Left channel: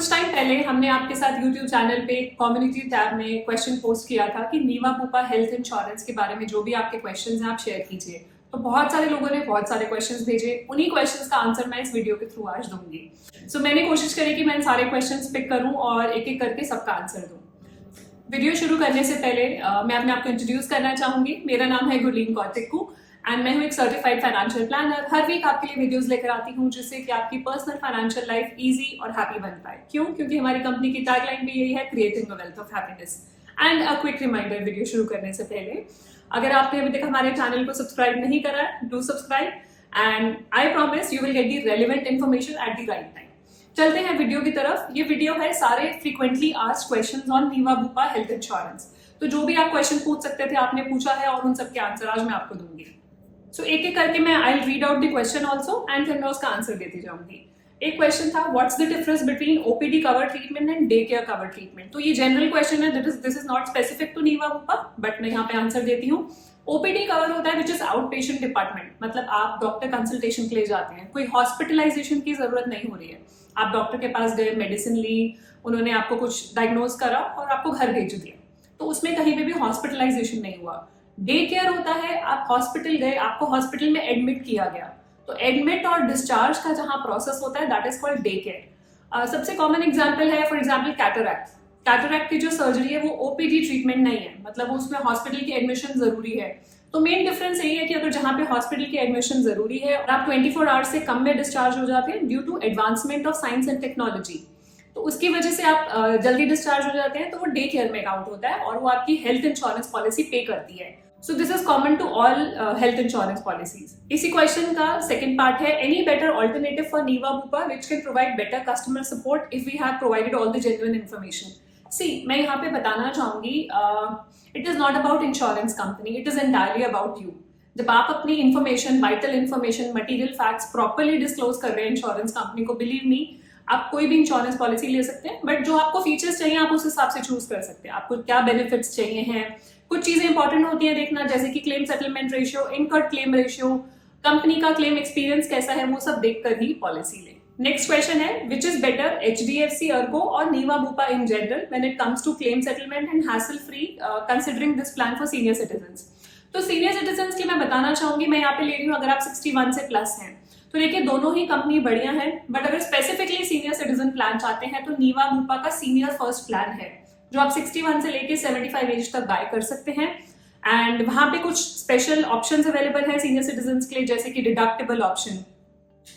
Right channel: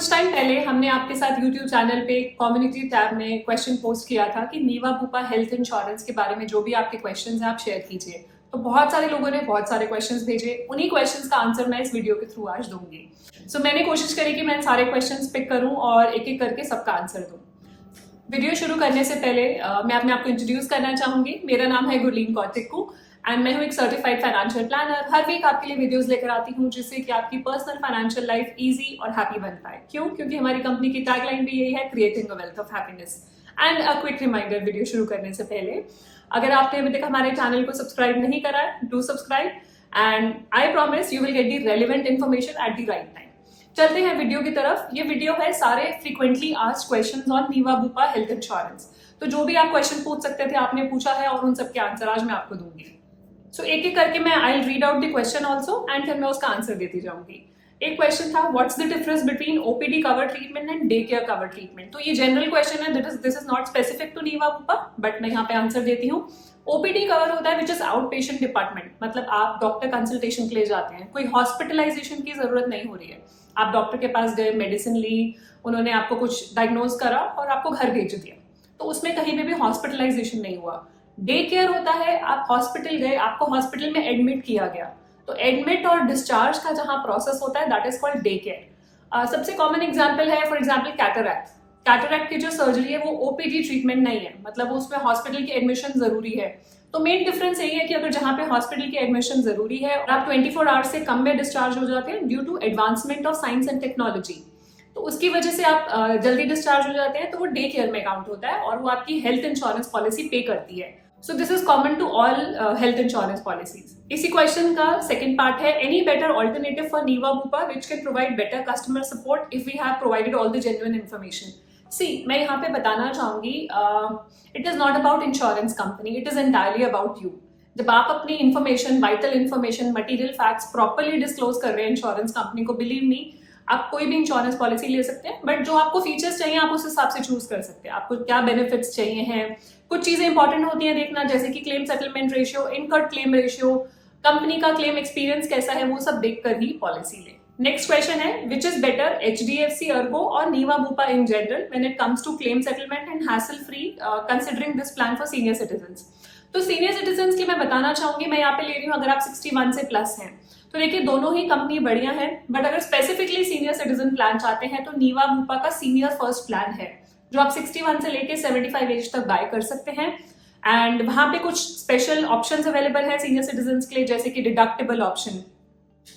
कुछ टाइम पहले हमने आपके साथ YouTube चैनल पे कम्युनिटी टैब में क्वेश्चन पोस्ट किया था कि नीवा बुपा हेल्थ इंश्योरेंस के बारे में जो भी आपके क्वेश्चंस हैं आप शेयर कीजिए। तो बहुत सारे लोगों ने बहुत सारे क्वेश्चंस भेजे, उन्हीं क्वेश्चंस का आंसर मैं इस वीडियो के थ्रू आज दूंगी। सो मैंने कोशिश करी कि मैं सारे क्वेश्चंस पिक करूं और एक एक करके सबका आंसर दूं। वीडियो शुरू करने से पहले मैं अपने आप को इंट्रोड्यूस करना चाहूंगी। मेरा नाम है गुरलीन कौतिकू एंड मैं हूँ एक सर्टिफाइड फाइनेंशियल प्लानर। हर वीक आपके लिए वीडियोस लेकर आती हूँ जिससे कि आपकी पर्सनल फाइनेंशियल लाइफ इजी और हैप्पी बन पाए। क्यों? क्योंकि हमारी कंपनी की टैगलाइन भी यही है, creating a wealth of happiness. And a quick reminder video शुरू करने से पहले, अगर आपने अभी तक हमारे चैनल को सब्सक्राइब नहीं करा है, do subscribe and I promise you will get the relevant information at the right time. चलते हैं वीडियो की तरफ। ये वीडियो है सारे frequently asked questions on Niva Bupa health insurance. तो जो भी आप क्वेश्चन पूछ सकते थे आपने पूछा है और उन सबके आंसर आज मैं आपको दूंगी। सो एक एक करके मैं I read out the question also and फिर मैं उसका आंसर देती जाऊंगी। एक क्वेश्चन था, what's the difference between OPD cover treatment and day care cover treatment. तो ये जनरल क्वेश्चन है, this is not specific to Niva Bupa, but मैं यहाँ पे आंसर देती हूँ। ओपीडी कवर होता है which is out patient department, मतलब आप डॉक्टर कंसल्टेशन के लिए जाते हैं, कोई हॉस्पिटलाइजेशन की जरूरत नहीं हो रही है। आप डॉक्टर के पास गए, मेडिसिन ली, उन्होंने आपको कुछ डायग्नोज करा और आपको घर भेज दिया, तो उसमें कहीं पे भी हॉस्पिटलाइजेशन नहीं हुआ। डे केयर होता है, आप हॉस्पिटल गए, आपको हॉस्पिटल में एडमिट किया गया, तो एडमिट और डिस्चार्ज का जहां प्रोसेस होता है that is called day care. सबसे कॉमन एग्जांपल है फॉर एग्जांपल कैटरैक्ट। कैटरैक्ट की जो सर्जरी है वो ओपीडी ट्रीटमेंट नहीं है, मतलब उसमें हॉस्पिटल की एडमिशन जरूरी है। तो मेन डिफरेंस यही है कि अगर जहां पे हॉस्पिटल की एडमिशन जरूरी है और आप 24 आवर्स से कम में डिस्चार्ज हो जाते हैं due to advancement of science and technology, तो उसकी वजह से आप जल्दी डिस्चार्ज हो जाते हैं, तो वो डे केयर में काउंट होता है और वो आपकी हेल्थ इंश्योरेंस पॉलिसी पे करती है। So this is common to all health insurance policies. इसी क्वेश्चन का सेकंड पार्ट है, any better alternative for Niva Bupa which can provide better customer support if we have provided all the genuine information. See, मैं यहाँ पे बताना चाहूंगी, it is not about insurance company, it is entirely about you. जब आप अपनी information, vital information, material facts properly disclose कर रहे हैं इंश्योरेंस कंपनी को, बिलीव मी आप कोई भी इंश्योरेंस पॉलिसी ले सकते हैं, बट जो आपको फीचर्स चाहिए आप उस हिसाब से चूज कर सकते हैं। आपको क्या बेनिफिट्स चाहिए हैं, कुछ चीजें इंपॉर्टेंट होती हैं देखना, जैसे कि claim settlement ratio, incurred claim ratio, company का क्लेम एक्सपीरियंस कैसा है, वो सब देखकर ही पॉलिसी ले। नेक्स्ट क्वेश्चन है, which is better HDFC Ergo और Niva Bupa in general when it comes to claim settlement and hassle free considering this plan for senior citizens. तो सीनियर सिटीजन्स की मैं बताना चाहूंगी, मैं यहाँ पे ले रही हूँ अगर आप 61 से प्लस हैं, तो देखिए दोनों ही कंपनी बढ़िया है, बट अगर स्पेसिफिकली सीनियर सिटीजन प्लान चाहते हैं तो नीवा बुपा का सीनियर फर्स्ट प्लान है जो आप 61 से लेके 75 एज तक बाय कर सकते हैं। एंड वहां पे कुछ स्पेशल ऑप्शंस अवेलेबल है सीनियर सिटीजन के लिए, जैसे कि डिडक्टेबल ऑप्शन,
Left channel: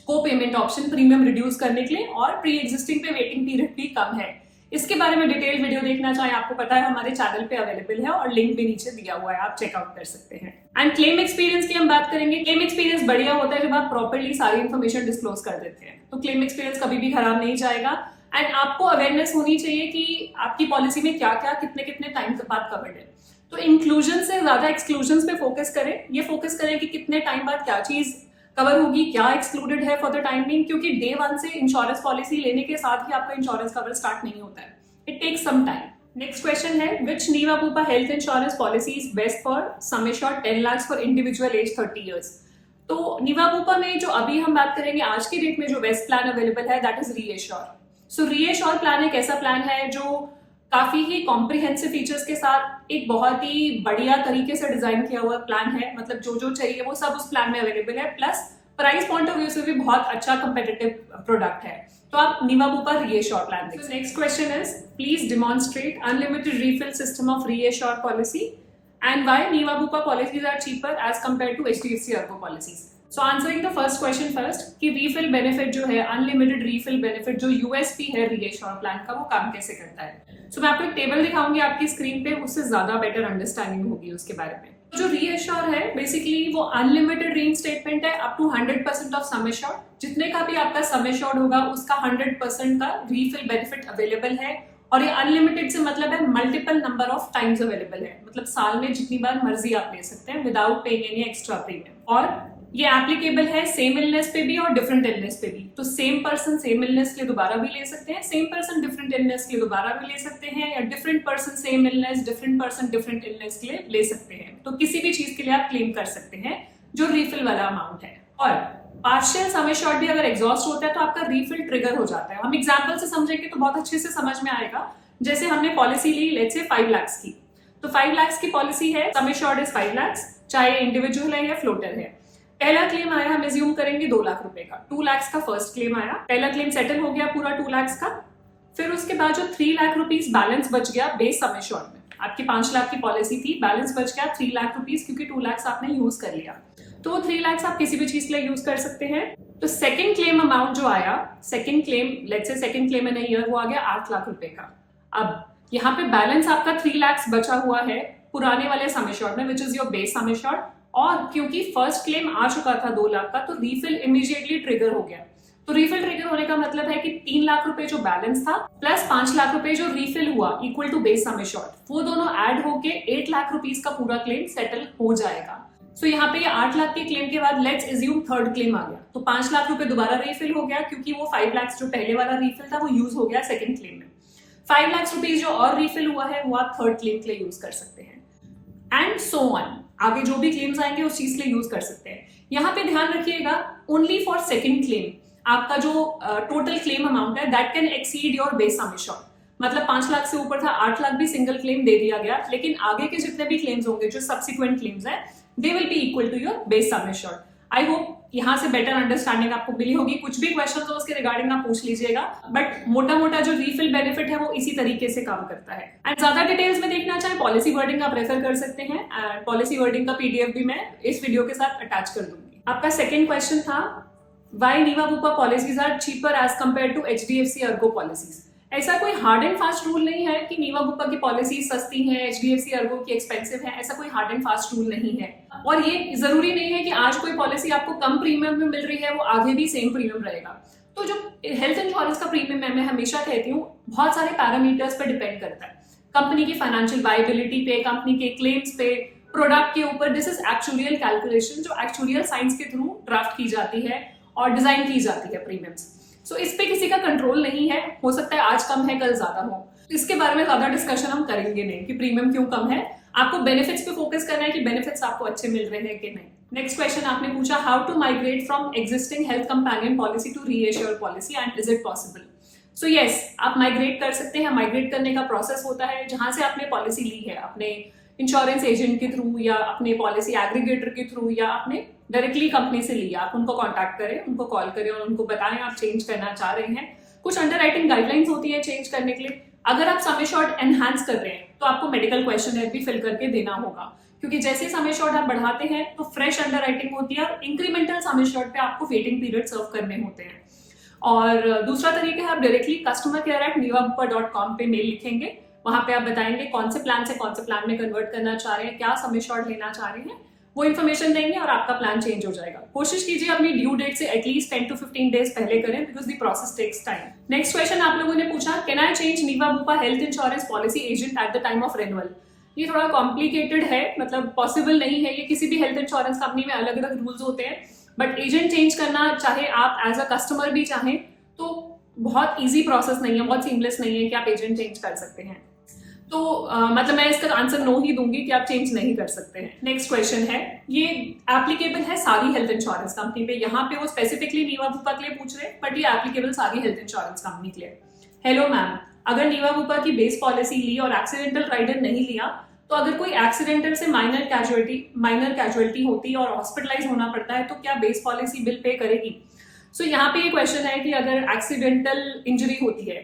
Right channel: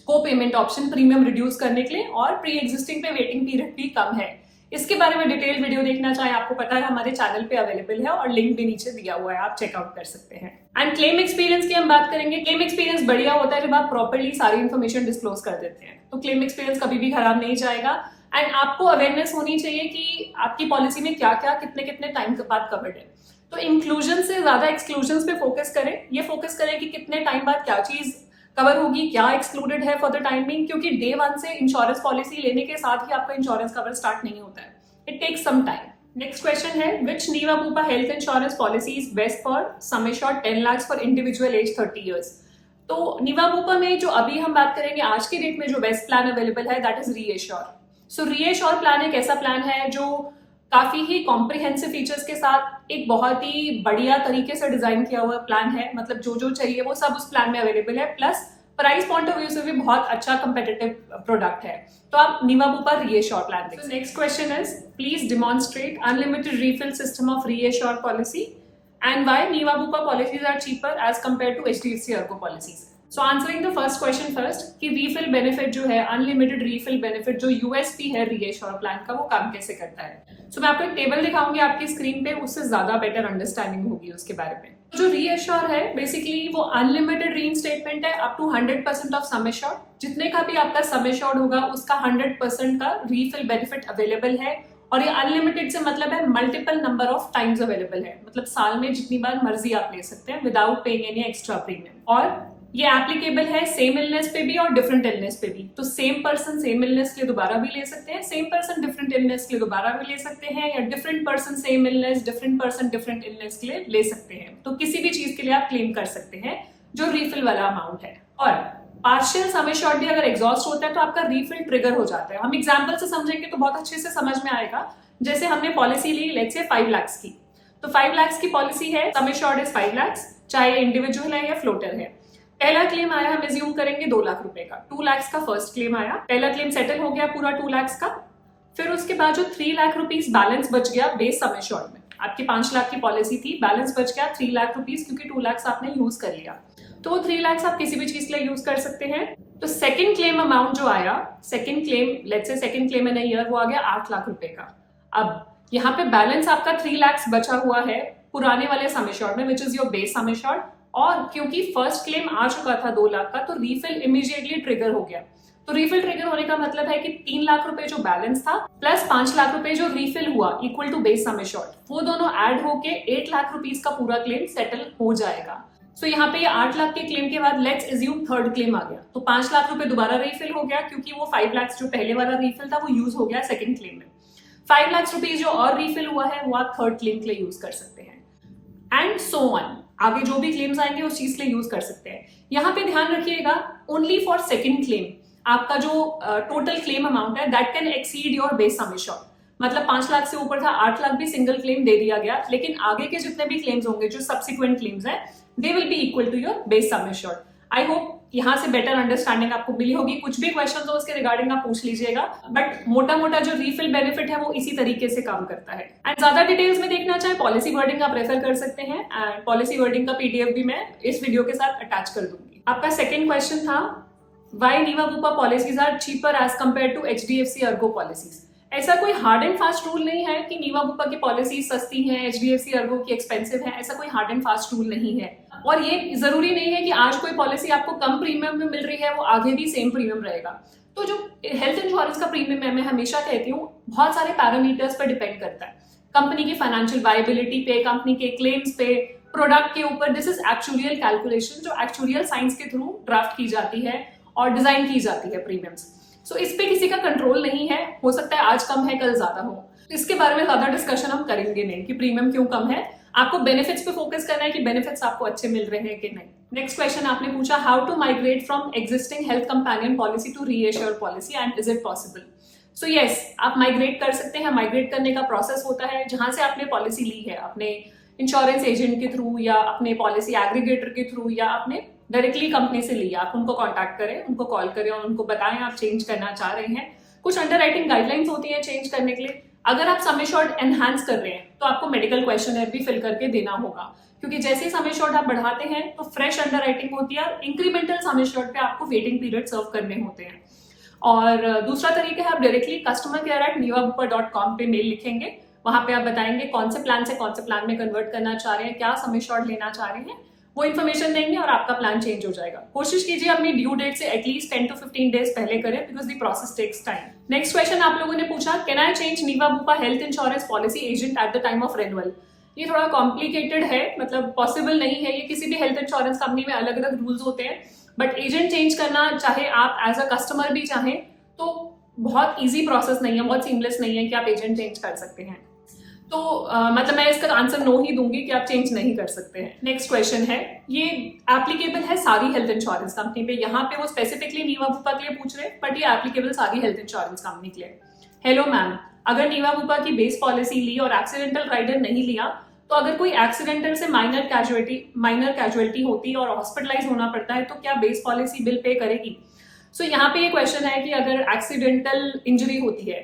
को पेमेंट ऑप्शन, प्रीमियम रिड्यूस करने के लिए, और प्री एग्जिस्टिंग पे वेटिंग पीरियड भी कम है। इसके बारे में डिटेल वीडियो देखना चाहें, आपको पता है हमारे चैनल पे अवेलेबल है और लिंक भी नीचे दिया हुआ है, आप चेकआउट कर सकते हैं। एंड क्लेम एक्सपीरियंस की हम बात करेंगे। क्लेम एक्सपीरियंस बढ़िया होता है जब आप प्रॉपर्ली सारी इन्फॉर्मेशन डिस्क्लोज कर देते हैं, तो क्लेम एक्सपीरियंस कभी भी खराब नहीं जाएगा। एंड आपको अवेयरनेस होनी चाहिए कि आपकी पॉलिसी में क्या क्या कितने कितने टाइम के बाद कवर्ड है। तो इंक्लूजन से ज्यादा एक्सक्लूजन पे फोकस करें, ये फोकस करें कि कितने टाइम बाद क्या चीज कवर होगी, क्या एक्सक्लूडेड है फॉर द टाइमिंग, क्योंकि डे 1 से इंश्योरेंस पॉलिसी लेने के साथ ही आपका इंश्योरेंस कवर स्टार्ट नहीं होता है, it takes some time. Next question है, which Niva Bupa health insurance policy is best for sum assured 10 lakh for individual age 30 years. तो नीवा बुपा में जो अभी हम बात करेंगे आज की डेट में जो बेस्ट प्लान अवेलेबल है that is reassure. So reassure plan एक ऐसा प्लान है जो काफी ही कॉम्प्रिहेंसिव फीचर्स के साथ एक बहुत ही बढ़िया तरीके से डिजाइन किया हुआ प्लान है, मतलब जो जो चाहिए वो सब उस प्लान में अवेलेबल है, plus price point of view से भी बहुत अच्छा कंपेटिटिव प्रोडक्ट है। तो आप नीवा बुपा रीएश्योर प्लान देखिए। Next question is, please demonstrate unlimited refill system of reassure policy and why Niva Bupa policies are cheaper as compare to HDFC Ergo policies. So answering the first question first, कि refill benefit जो है, unlimited refill benefit जो USP है reassure plan का, वो काम कैसे करता है। सो मैं आपको एक टेबल दिखाऊंगी आपकी स्क्रीन पे, उससे ज्यादा बेटर अंडरस्टैंडिंग होगी उसके बारे में। जो रीएश्योर है बेसिकली वो अनलिमिटेड रीइंस्टेटमेंट है up to 100% of sum assured. जितने का भी आपका सम एश्योर्ड होगा उसका 100% का रीफिल बेनिफिट अवेलेबल है, और ये अनलिमिटेड से मतलब है multiple number of times available है, मतलब साल में जितनी बार मर्जी आप ले सकते हैं without paying any extra premium. और ये एप्लीकेबल है सेम इलनेस पे भी और डिफरेंट इलनेस पे भी। तो सेम पर्सन सेम इलनेस के लिए दोबारा भी ले सकते हैं, सेम पर्सन डिफरेंट इलनेस के लिए दोबारा भी ले सकते हैं, या different person same illness, different person different illness के लिए ले सकते हैं। तो किसी भी चीज के लिए आप क्लेम कर सकते हैं जो रीफिल वाला अमाउंट है। और पार्शियल सम एश्योर्ड भी अगर एग्जॉस्ट होता है तो आपका रीफिल ट्रिगर हो जाता है। हम एग्जाम्पल से समझेंगे तो बहुत अच्छे से समझ में आएगा। जैसे हमने policy Lee let's say 5 lakh की, तो 5 लाख की पॉलिसी है, सम एश्योर्ड इज 5 लाख, चाहे इंडिविजुअल है या फ्लोटर है। पहला क्लेम आया, हम एज्यूम करेंगे 2 लाख रुपए का, 2 लाख का फर्स्ट क्लेम आया, पहला क्लेम सेटल हो गया पूरा 2 लाख का। फिर उसके बाद जो 3 लाख रुपीज बैलेंस बच गया बेस सम एश्योर्ड में, आपकी 5 लाख की पॉलिसी थी, बैलेंस बच गया 3 लाख रुपीज, क्योंकि 2 लाख आपने यूज कर लिया, तो 3 लाख आप किसी भी चीज के लिए यूज कर सकते हैं। तो सेकंड क्लेम अमाउंट जो आया, second claim let's say second claim in a year, वो आ गया 8 लाख रुपए का। अब यहाँ पे बैलेंस आपका 3 लाख बचा हुआ है पुराने वाले सम एश्योर्ड में, which is your base sum assured, और क्योंकि फर्स्ट क्लेम आ चुका था 2 लाख का, तो रीफिल इमीडिएटली ट्रिगर हो गया। तो रीफिल ट्रिगर होने का मतलब है कि 3 लाख रुपए जो बैलेंस था प्लस 5 लाख रुपए जो रीफिल हुआ equal to base sum assured, वो दोनों ऐड होके 8 लाख रुपीज का पूरा क्लेम सेटल हो जाएगा। सो यहाँ पे ये 8 लाख के क्लेम के बाद लेट्स एज्यूम थर्ड क्लेम आ गया, तो 5 लाख रुपए दोबारा रीफिल हो गया, क्योंकि वो 5 लाख जो पहले वाला रीफिल था वो यूज हो गया सेकंड क्लेम में। 5 लाख रुपीज जो और रीफिल हुआ है वो आप थर्ड क्लेम के लिए यूज कर सकते हैं, एंड सो ऑन, आगे जो भी क्लेम्स आएंगे उस चीज के लिए यूज कर सकते हैं। यहाँ पे ध्यान रखिएगा, ओनली फॉर सेकंड क्लेम आपका जो टोटल क्लेम अमाउंट है that can exceed your base sum assured, मतलब 5 लाख से ऊपर था, 8 लाख भी सिंगल क्लेम दे दिया गया, लेकिन आगे के जितने भी क्लेम्स होंगे जो सब्सिक्वेंट क्लेम्स हैं they will be equal to your base sum assured. I hope यहाँ से बेटर अंडरस्टैंडिंग आपको मिली होगी। कुछ भी क्वेश्चन हो उसके रिगार्डिंग आप पूछ लीजिएगा, बट मोटा मोटा जो रीफिल बेनिफिट है वो इसी तरीके से काम करता है। एंड ज्यादा डिटेल्स में देखना चाहे पॉलिसी वर्डिंग आप रेफर कर सकते हैं, एंड पॉलिसी वर्डिंग का पीडीएफ भी मैं इस वीडियो के साथ अटैच कर दूंगी। आपका सेकंड क्वेश्चन था, why Niva Bupa policies are cheaper as compare to HDFC Ergo policies. ऐसा कोई हार्ड एंड फास्ट रूल नहीं है कि नीवा बुपा की पॉलिसी सस्ती है, एचडीएफसी अर्गो की एक्सपेंसिव है, ऐसा कोई हार्ड एंड फास्ट रूल नहीं है। और ये जरूरी नहीं है कि आज कोई पॉलिसी आपको कम प्रीमियम में मिल रही है वो आगे भी सेम प्रीमियम रहेगा। तो जो हेल्थ इंश्योरेंस का प्रीमियम है, मैं हमेशा कहती हूँ बहुत सारे पैरामीटर्स पर डिपेंड करता है, कंपनी की फाइनेंशियल वायबिलिटी पे, कंपनी के क्लेम्स पे, प्रोडक्ट के ऊपर। दिस इज एक्चुरियल कैलकुलेशन जो एक्चुरियल साइंस के थ्रू ड्राफ्ट की जाती है और डिजाइन की जाती है प्रीमियम्स। सो इस पे किसी का कंट्रोल नहीं है, हो सकता है आज कम है कल ज्यादा हो, इसके बारे में ज्यादा डिस्कशन हम करेंगे नहीं कि प्रीमियम क्यों कम है। आपको बेनिफिट्स पे फोकस करना है कि बेनिफिट्स आपको अच्छे मिल रहे हैं कि नहीं। नेक्स्ट क्वेश्चन आपने पूछा, how to migrate from existing health companion policy to reassure policy and is it possible. So yes, आप माइग्रेट कर सकते हैं। माइग्रेट करने का प्रोसेस होता है, जहां से आपने पॉलिसी ली है अपने इंश्योरेंस एजेंट के थ्रू या अपने पॉलिसी एग्रीगेटर के थ्रू या आपने डायरेक्टली कंपनी से लिया, आप उनको कॉन्टैक्ट करें, उनको कॉल करें और उनको बताएं आप चेंज करना चाह रहे हैं। कुछ अंडरराइटिंग गाइडलाइंस होती हैं चेंज करने के लिए। अगर आप सम एश्योर्ड एनहांस कर रहे हैं तो आपको मेडिकल क्वेश्चनर भी फिल करके देना होगा, क्योंकि जैसे सम एश्योर्ड आप बढ़ाते हैं तो फ्रेश अंडरराइटिंग होती है और इंक्रीमेंटल सम एश्योर्ड पे आपको वेटिंग पीरियड सर्व करने होते हैं। और दूसरा तरीका है, आप डायरेक्टली customer@nivabupa.com पे मेल लिखेंगे, वहां पे आप बताएंगे कौन से प्लान से कौन से प्लान में कन्वर्ट करना चाह रहे हैं, क्या सम एश्योर्ड लेना चाह रहे हैं, वो इन्फॉर्मेशन देंगे और आपका प्लान चेंज हो जाएगा। कोशिश कीजिए अपनी ड्यू डेट से एटलीस्ट 10 to 15 डेज पहले करें, because the process takes time. Next question आप लोगों ने पूछा, can I change Niva Bupa health insurance policy agent at the time of renewal. ये थोड़ा कॉम्प्लिकेटेड है, मतलब पॉसिबल नहीं है, ये किसी भी हेल्थ इंश्योरेंस कंपनी में अलग अलग रूल्स होते हैं, बट एजेंट चेंज करना चाहे आप एज अ कस्टमर भी चाहें तो बहुत ईजी प्रोसेस नहीं है, बहुत सीमलेस नहीं है कि आप एजेंट चेंज कर सकते हैं। तो मतलब मैं इसका आंसर नो ही दूंगी कि आप चेंज नहीं कर सकते हैं। नेक्स्ट क्वेश्चन है, ये एप्लीकेबल है सारी हेल्थ इंश्योरेंस कंपनी पे, यहाँ पे वो स्पेसिफिकली नीवा बुपा के लिए पूछ रहे हैं, बट ये एप्लीकेबल सारी हेल्थ इंश्योरेंस कंपनी के लिए। हेलो मैम, अगर नीवा बुपा की बेस पॉलिसी ली और एक्सीडेंटल राइडर नहीं लिया, तो अगर कोई एक्सीडेंटल से माइनर कैजुअलिटी होती और हॉस्पिटलाइज होना पड़ता है तो क्या बेस पॉलिसी बिल पे करेगी। सो यहाँ पे ये क्वेश्चन है कि अगर एक्सीडेंटल इंजरी होती है,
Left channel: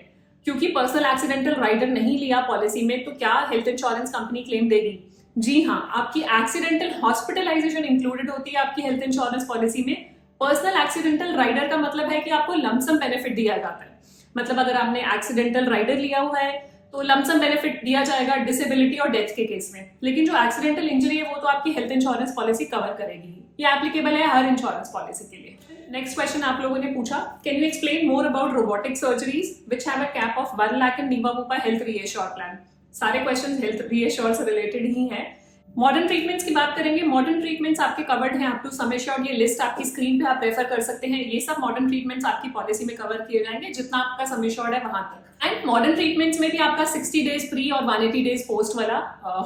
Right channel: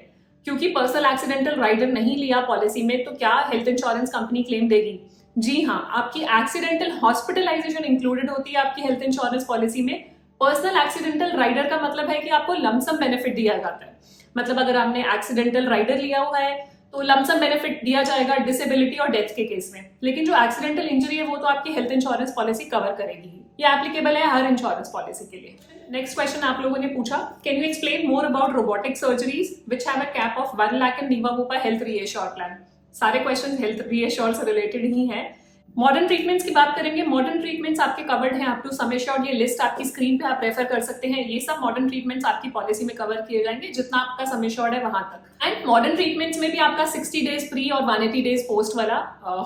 क्योंकि पर्सनल एक्सीडेंटल राइडर नहीं लिया पॉलिसी में, तो क्या हेल्थ इंश्योरेंस कंपनी क्लेम देगी। जी हाँ, आपकी एक्सीडेंटल हॉस्पिटलाइजेशन इंक्लूडेड होती है आपकी हेल्थ इंश्योरेंस पॉलिसी में। पर्सनल एक्सीडेंटल राइडर का मतलब है कि आपको लमसम बेनिफिट दिया जाता है, मतलब अगर आपने एक्सीडेंटल राइडर लिया हुआ है तो लमसम बेनिफिट दिया जाएगा डिसेबिलिटी और डेथ के केस में, लेकिन जो एक्सीडेंटल इंजरी है वो तो आपकी हेल्थ इंश्योरेंस पॉलिसी कवर करेगी। ये एप्लीकेबल है हर इंश्योरेंस पॉलिसी के लिए। नेक्स्ट क्वेश्चन आप लोगों ने पूछा, can you explain more about robotic surgeries which have a cap of 1 lakh in Niva Bupa health reassure plan. सारे क्वेश्चन हेल्थ रीएश्योर से रिलेटेड ही हैं। मॉडर्न ट्रीटमेंट्स की बात करेंगे, मॉडर्न ट्रीटमेंट्स आपके कवर्ड हैं अप टू सम एश्योर्ड। ये लिस्ट आपकी स्क्रीन पे आप रेफर कर सकते हैं। ये सब मॉडर्न ट्रीटमेंट्स आपकी पॉलिसी में कवर किए जाएंगे जितना आपका सम एश्योर्ड है वहां तक। एंड मॉडर्न ट्रीटमेंट्स में भी आपका 60 डेज प्री और 180 डेज पोस्ट वाला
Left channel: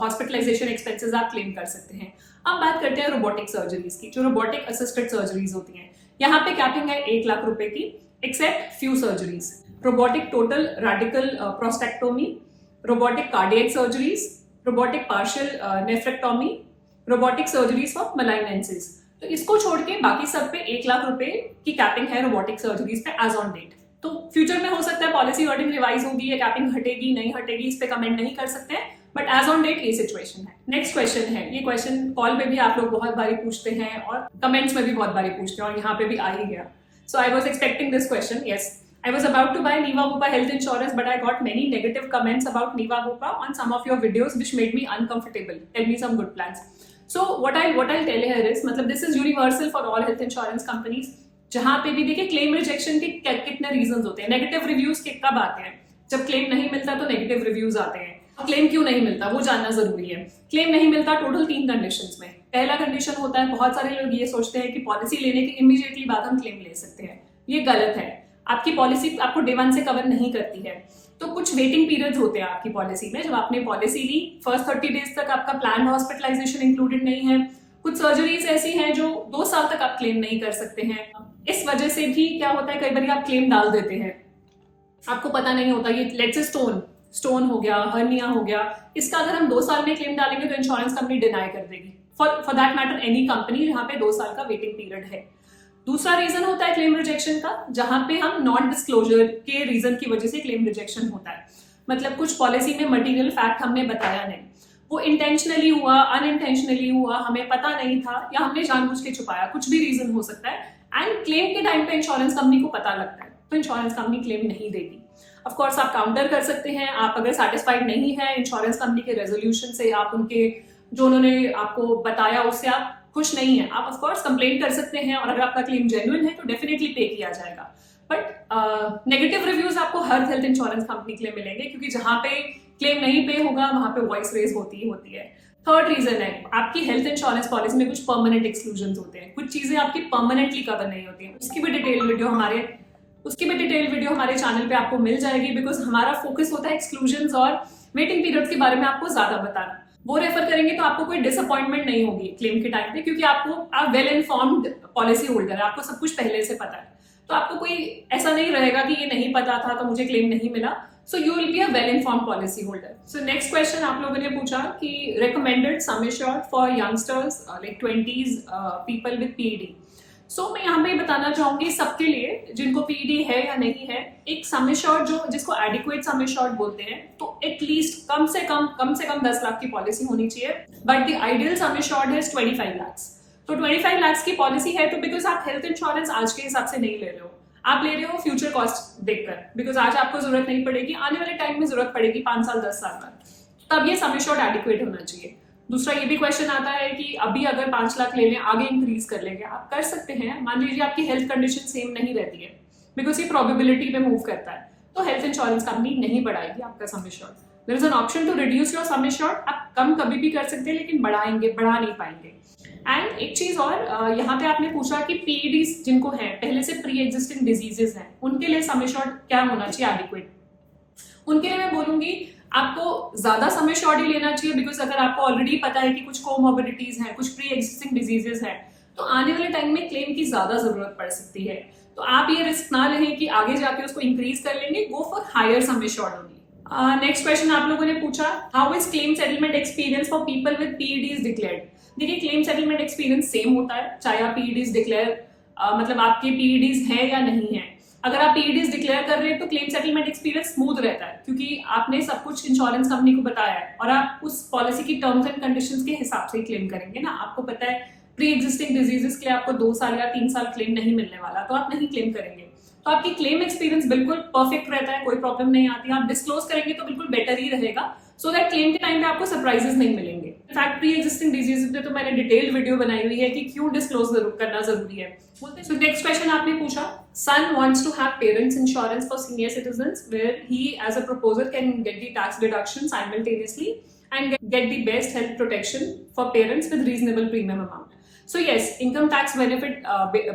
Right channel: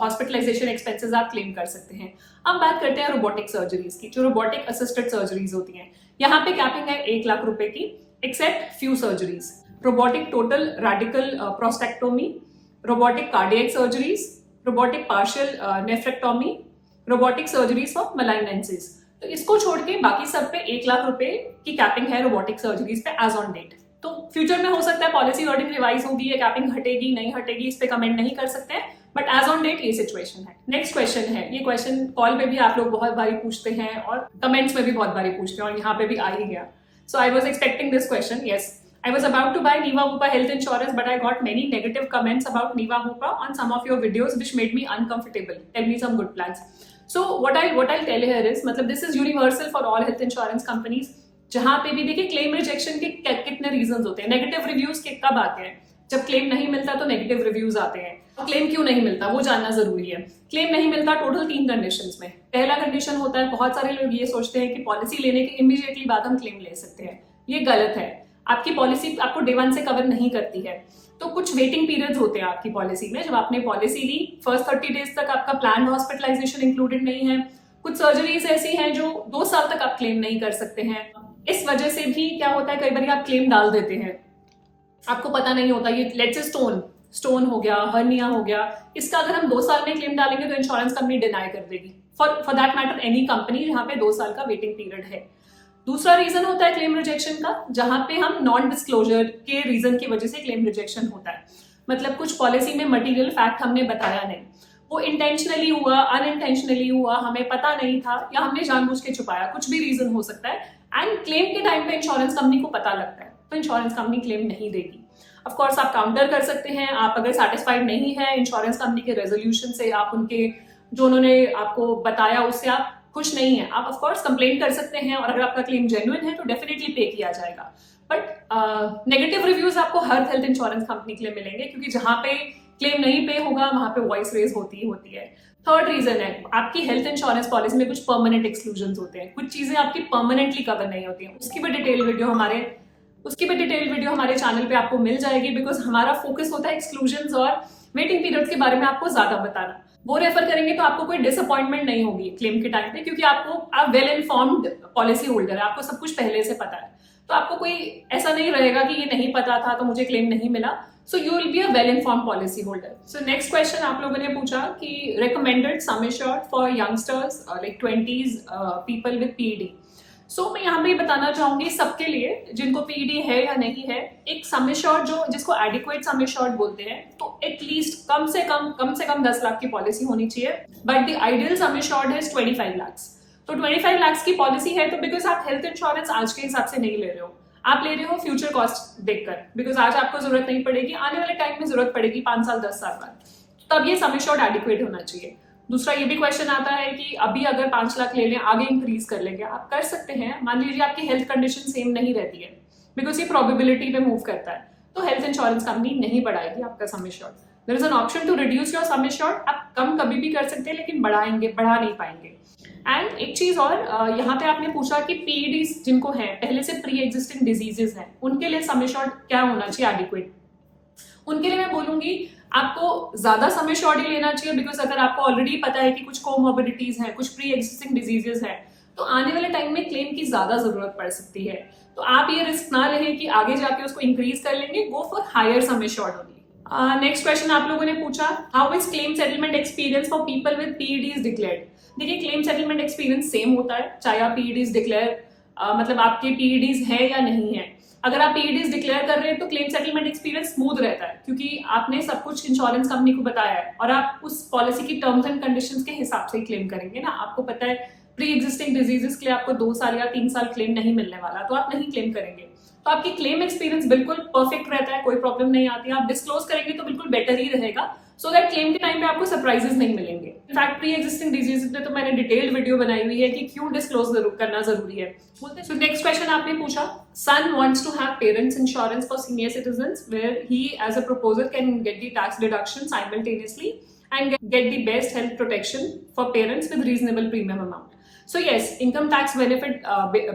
हॉस्पिटलाइजेशन एक्सपेंसेस आप क्लेम कर सकते हैं। अब बात करते हैं रोबोटिक सर्जरीज की, जो रोबोटिक असिस्टेड सर्जरीज होती हैं। यहाँ पे कैपिंग है 1 लाख रुपए की, except few surgeries, robotic total radical prostatectomy, robotic cardiac surgeries, robotic partial nephrectomy, robotic surgeries for malignancies. तो इसको छोड़ के बाकी सब पे 1 लाख रुपए की कैपिंग है रोबोटिक सर्जरीज पे एज ऑन डेट। तो फ्यूचर में हो सकता है पॉलिसी वर्डिंग रिवाइज होगी, ये कैपिंग हटेगी नहीं हटेगी, इस पे कमेंट नहीं कर सकते हैं, बट एज ऑन डेट ये सिचुएशन है। नेक्स्ट क्वेश्चन है, ये क्वेश्चन कॉल पे भी आप लोग बहुत बारी पूछते हैं और कमेंट्स में भी बहुत बारी पूछते हैं और यहाँ पे भी आ ही गया। So I was expecting this question. Yes, I was about to buy Niva Bupa health insurance, but I got many negative comments about Niva Bupa on some of your videos, which made me uncomfortable. Tell me some good plans. So what I'll tell here is, मतलब this is universal for all health insurance companies. जहाँ पे भी देखिए claim rejection के कितने reasons होते हैं। Negative reviews के कब आते हैं? जब क्लेम नहीं मिलता तो नेगेटिव रिव्यूज आते हैं। क्लेम क्यों नहीं मिलता वो जानना जरूरी है। क्लेम नहीं मिलता टोटल 3 कंडीशंस में। पहला कंडीशन होता है, बहुत सारे लोग ये सोचते हैं कि पॉलिसी लेने के इमीडिएटली बाद हम क्लेम ले सकते हैं। ये गलत है। आपकी पॉलिसी आपको डे 1 से कवर नहीं करती है। तो कुछ वेटिंग पीरियड्स होते हैं आपकी पॉलिसी में। जब आपने पॉलिसी ली, फर्स्ट 30 डेज तक आपका प्लान हॉस्पिटलाइजेशन इंक्लूडेड नहीं है। कुछ सर्जरीज ऐसी हैं जो 2 साल तक आप क्लेम नहीं कर सकते हैं। इस वजह से भी क्या होता है, कई बार आप क्लेम डाल देते हैं, आपको पता नहीं होता। ये लेट्स से स्टोन हो गया, हर्निया हो गया, इसका अगर हम 2 साल में क्लेम डालेंगे तो इंश्योरेंस कंपनी डिनाई कर देगी। For that matter any company जहाँ पे 2 साल का वेटिंग पीरियड है। दूसरा रीजन होता है क्लेम रिजेक्शन का, जहां पे हम नॉन डिस्क्लोजर के रीजन की वजह से क्लेम रिजेक्शन होता है। मतलब कुछ पॉलिसी में मटेरियल फैक्ट हमने बताया नहीं, वो इंटेंशनली हुआ, अनइंटेंशनली हुआ, हमें पता नहीं था या हमने जानबूझ के छुपाया, कुछ भी रीजन हो सकता है। एंड क्लेम के टाइम पे इंश्योरेंस कंपनी को पता लगता है तो इंश्योरेंस कंपनी क्लेम नहीं देगी। ऑफ कोर्स आप काउंटर कर सकते हैं। आप अगर सेटिस्फाइड नहीं है इंश्योरेंस कंपनी के रेजोल्यूशन से, आप उनके जो उन्होंने आपको बताया उससे आप खुश नहीं है, आप ऑफ कोर्स कंप्लेन कर सकते हैं और अगर आपका क्लेम जेन्युइन है तो डेफिनेटली पे किया जाएगा। बट नेगेटिव रिव्यूज आपको हर हेल्थ इंश्योरेंस कंपनी के लिए मिलेंगे, क्योंकि जहां पे क्लेम नहीं पे होगा वहां पे वॉइस रेज होती ही होती है। थर्ड रीजन है, आपकी हेल्थ इंश्योरेंस पॉलिसी में कुछ परमानेंट एक्सक्लूजन होते हैं, कुछ चीजें आपकी परमानेंटली कवर नहीं होती हैं। उसकी भी डिटेल वीडियो हमारे चैनल पे आपको मिल जाएगी, बिकॉज हमारा फोकस होता है एक्सक्लूजन और वेटिंग पीरियड के बारे में आपको ज्यादा बताना। वो रेफर करेंगे तो आपको कोई डिसअपॉइंटमेंट नहीं होगी क्लेम के टाइम पे, क्योंकि आप वेल इन्फॉर्म्ड पॉलिसी होल्डर है, आपको सब कुछ पहले से पता है। तो आपको कोई ऐसा नहीं रहेगा कि ये नहीं पता था तो मुझे क्लेम नहीं मिला। So you will be a well informed policy holder. So next question आप लोगों ने पूछा कि recommended sum assured for youngsters like 20s people with PED. So मैं यहाँ पे बताना चाहूंगी सबके लिए जिनको पीईडी है या नहीं है, एक सम एश्योर्ड जिसको एडिक्वेट सम एश्योर्ड बोलते हैं, तो एटलीस्ट कम से कम 10 लाख की पॉलिसी होनी चाहिए। But the ideal sum assured is 25 lakh. तो 25 लाख की पॉलिसी है तो बिकॉज आप हेल्थ इंश्योरेंस आज के हिसाब से नहीं ले रहे हो, आप ले रहे हो फ्यूचर कॉस्ट देखकर। बिकॉज आज आपको जरूरत नहीं पड़ेगी, आने वाले टाइम में जरूरत पड़ेगी 5 साल 10 साल बाद, तब ये सम एश्योर्ड एडिक्वेट होना चाहिए। दूसरा ये भी क्वेश्चन आता है कि अभी अगर 5 लाख ले लें, आगे इंक्रीज कर लेंगे, आप कर सकते हैं। मान लीजिए आपकी हेल्थ कंडीशन सेम नहीं रहती है, बिकॉज ये प्रोबेबिलिटी पे मूव करता है, तो हेल्थ इंश्योरेंस कंपनी नहीं बढ़ाएगी आपका sum assured. There is an option to reduce your sum assured. आप कम कभी भी कर सकते हैं लेकिन बढ़ा नहीं पाएंगे। एंड एक चीज और, यहाँ पे आपने पूछा कि पीईडीज जिनको है पहले से प्री एग्जिस्टिंग डिजीजेस हैं, उनके लिए सम एश्योर्ड क्या होना चाहिए एडिक्वेट। उनके लिए मैं बोलूंगी आपको ज्यादा सम एश्योर्ड ही लेना चाहिए, बिकॉज अगर आपको ऑलरेडी पता है कि कुछ कोमोर्बिडिटीज हैं, कुछ प्री एग्जिस्टिंग डिजीजेस हैं, तो आने वाले टाइम में क्लेम की ज्यादा जरूरत पड़ सकती है। तो आप ये रिस्क ना लें कि आगे जाके उसको इंक्रीज कर लेंगे, go for higher sum assured only. Next question आप लोगों ने पूछा, how is claim settlement experience for people with PEDs declared. देखिए क्लेम सेटलमेंट एक्सपीरियंस सेम होता है चाहे आप पीईडीज डिक्लेयर मतलब आपके पीईडीज है या नहीं है। अगर आप पीईडीज डिक्लेयर कर रहे हैं तो क्लेम सेटलमेंट एक्सपीरियंस स्मूथ रहता है, क्योंकि आपने सब कुछ इंश्योरेंस कंपनी को बताया है और आप उस पॉलिसी की टर्म्स एंड कंडीशंस के हिसाब से ही क्लेम करेंगे ना। आपको पता है प्री एग्जिस्टिंग डिजीजेस के लिए आपको 2 साल या 3 साल क्लेम नहीं मिलने वाला, तो आप नहीं क्लेम करेंगे। तो आपकी क्लेम एक्सपीरियंस बिल्कुल परफेक्ट रहता है, कोई प्रॉब्लम नहीं आती। आप डिस्क्लोज करेंगे तो बिल्कुल बेटर ही रहेगा, सो दैट क्लेम के टाइम पे आपको सरप्राइजेस नहीं मिलेंगे। इनफैक्ट प्री एग्जिस्टिंग डिजीजेस में तो मैंने डिटेल्ड वीडियो बनाई हुई है कि क्यों डिस्क्लोज करना जरूरी है। सो नेक्स्ट क्वेश्चन आपने पूछा, son wants to have parents insurance for senior citizens where he as a proposer can get the tax deduction simultaneously and get the best health protection for parents with reasonable premium amount. So yes, income tax benefit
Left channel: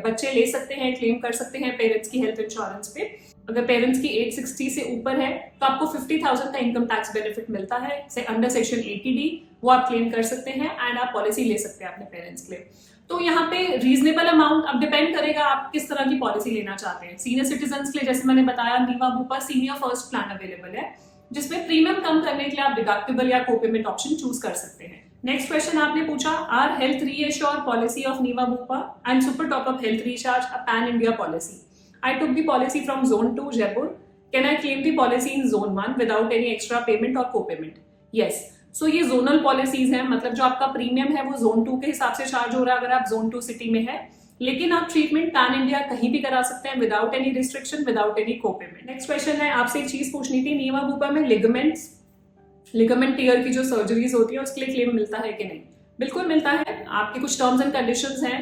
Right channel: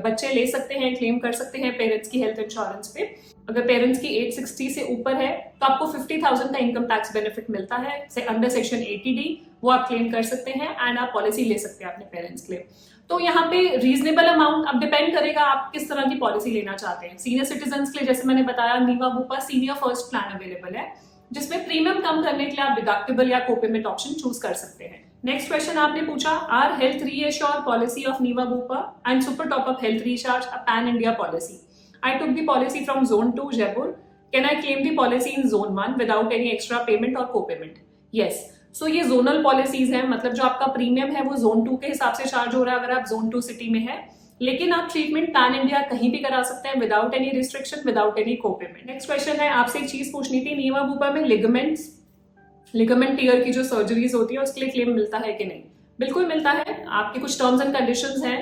बच्चे ले सकते हैं, claim कर सकते हैं parents की health insurance पे। अगर पेरेंट्स की एज 60 से ऊपर है तो आपको 50,000 का इनकम टैक्स बेनिफिट मिलता है से अंडर सेक्शन 80D, वो आप क्लेम कर सकते हैं एंड आप पॉलिसी ले सकते हैं अपने पेरेंट्स के लिए। तो यहाँ पे रीजनेबल अमाउंट अब डिपेंड करेगा आप किस तरह की पॉलिसी लेना चाहते हैं। सीनियर सिटीजन के लिए जैसे मैंने बताया Niva Bupa senior first plan available है, जिसमें प्रीमियम कम करने के लिए आप डिडक्टिबल या कोपेमेंट ऑप्शन चूज कर सकते हैं। नेक्स्ट क्वेश्चन आपने पूछा, are health reassure policy of Niva Bupa and super top up health recharge a pan India policy? I took the policy from Zone 2 Jaipur. Can I claim the policy in Zone 1 without any extra payment or co-payment? Yes. So ये zonal policies हैं, मतलब जो आपका premium है वो zone 2 के हिसाब से चार्ज हो रहा है अगर आप जोन 2 सिटी में है, लेकिन आप ट्रीटमेंट पैन इंडिया कहीं भी करा सकते हैं without any restriction, without any copayment. Next question है, आपसे एक चीज पूछनी थी, नीवा बुपा में लिगामेंट टीयर की जो सर्जरीज होती है उसके लिए क्लेम मिलता है कि नहीं? बिल्कुल मिलता है। आपके कुछ टर्म्स एंड कंडीशंस हैं,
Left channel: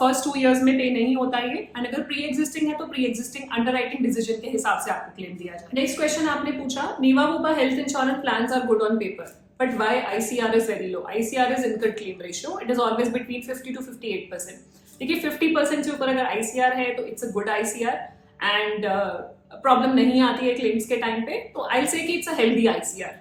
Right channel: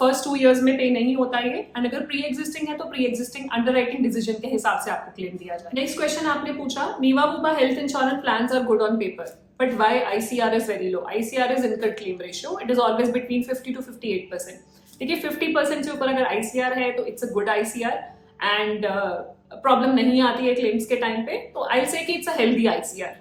फर्स्ट 2 इयर्स में पे नहीं होता ये, एंड अगर प्री एग्जिस्टिंग है तो प्री एग्जिस्टिंग अंडरराइटिंग डिसीजन के हिसाब से आपको क्लेम दिया जाए। नेक्स्ट क्वेश्चन आपने पूछा, Niva Bupa health insurance plans are good on paper but why ICR is very low? ICR is income claim ratio, it is always between 50 to 58%। देखिए 50% से ऊपर अगर ICR है तो it's a good ICR and problem नहीं आती है claims के टाइम पे, तो आई से कि इट्स अ हेल्दी ICR।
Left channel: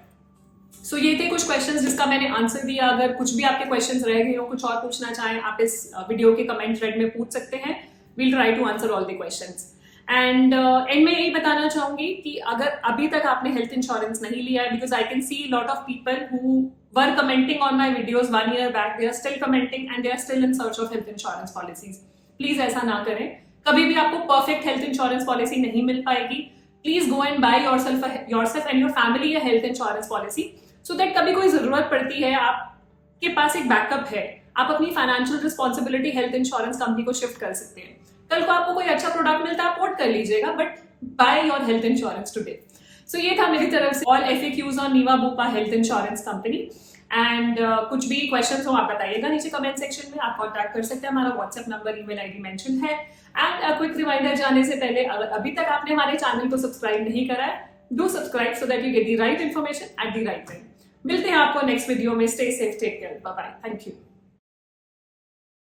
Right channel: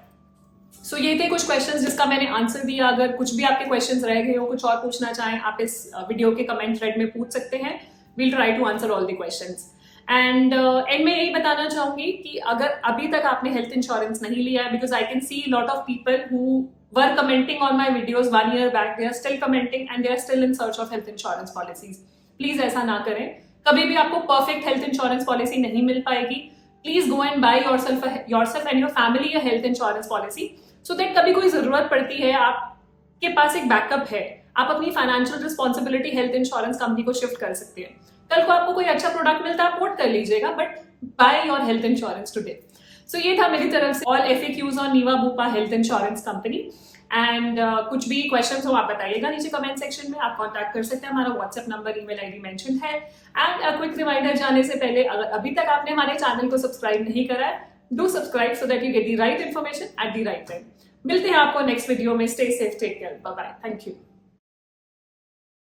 सो ये थे कुछ क्वेश्चंस जिसका मैंने आंसर दिया। अगर कुछ भी आपके क्वेश्चंस रह गए हो, कुछ और पूछना चाहें, आप इस वीडियो के कमेंट थ्रेड में पूछ सकते हैं। We'll try to answer all the questions. And end में यही बताना चाहूंगी कि अगर अभी तक आपने हेल्थ इंश्योरेंस नहीं लिया है, because I can see lot of people who were commenting on my videos 1 year back, they are still commenting and they are still in search of health insurance policies. Please ऐसा ना करें, कभी भी आपको perfect health insurance policy नहीं मिल पाएगी। Please go and by yourself and your family a health insurance policy, so that कभी कोई जरूरत पड़ती है आपके पास एक बैकअप है, आप अपनी financial responsibility health insurance company को शिफ्ट कर सकते हैं। कल को आपको कोई अच्छा प्रोडक्ट मिलता है आप पोर्ट कर लीजिएगा, but buy your health insurance today. So ये था मेरी तरफ से all FAQs on Niva Bupa health insurance company. And कुछ भी क्वेश्चंस हो आप बताइएगा नीचे कमेंट सेक्शन में, आप कॉन्टैक्ट कर सकते हैं, हमारा WhatsApp number, email ID mention है। एंड क्विक रिमाइंडर जाने से पहले, अगर अभी तक आपने हमारे चैनल को सब्सक्राइब नहीं करा है, do subscribe so that you get the right information at the right time. मिलते हैं आपको नेक्स्ट वीडियो में। Stay safe, take care, bye bye, thank you.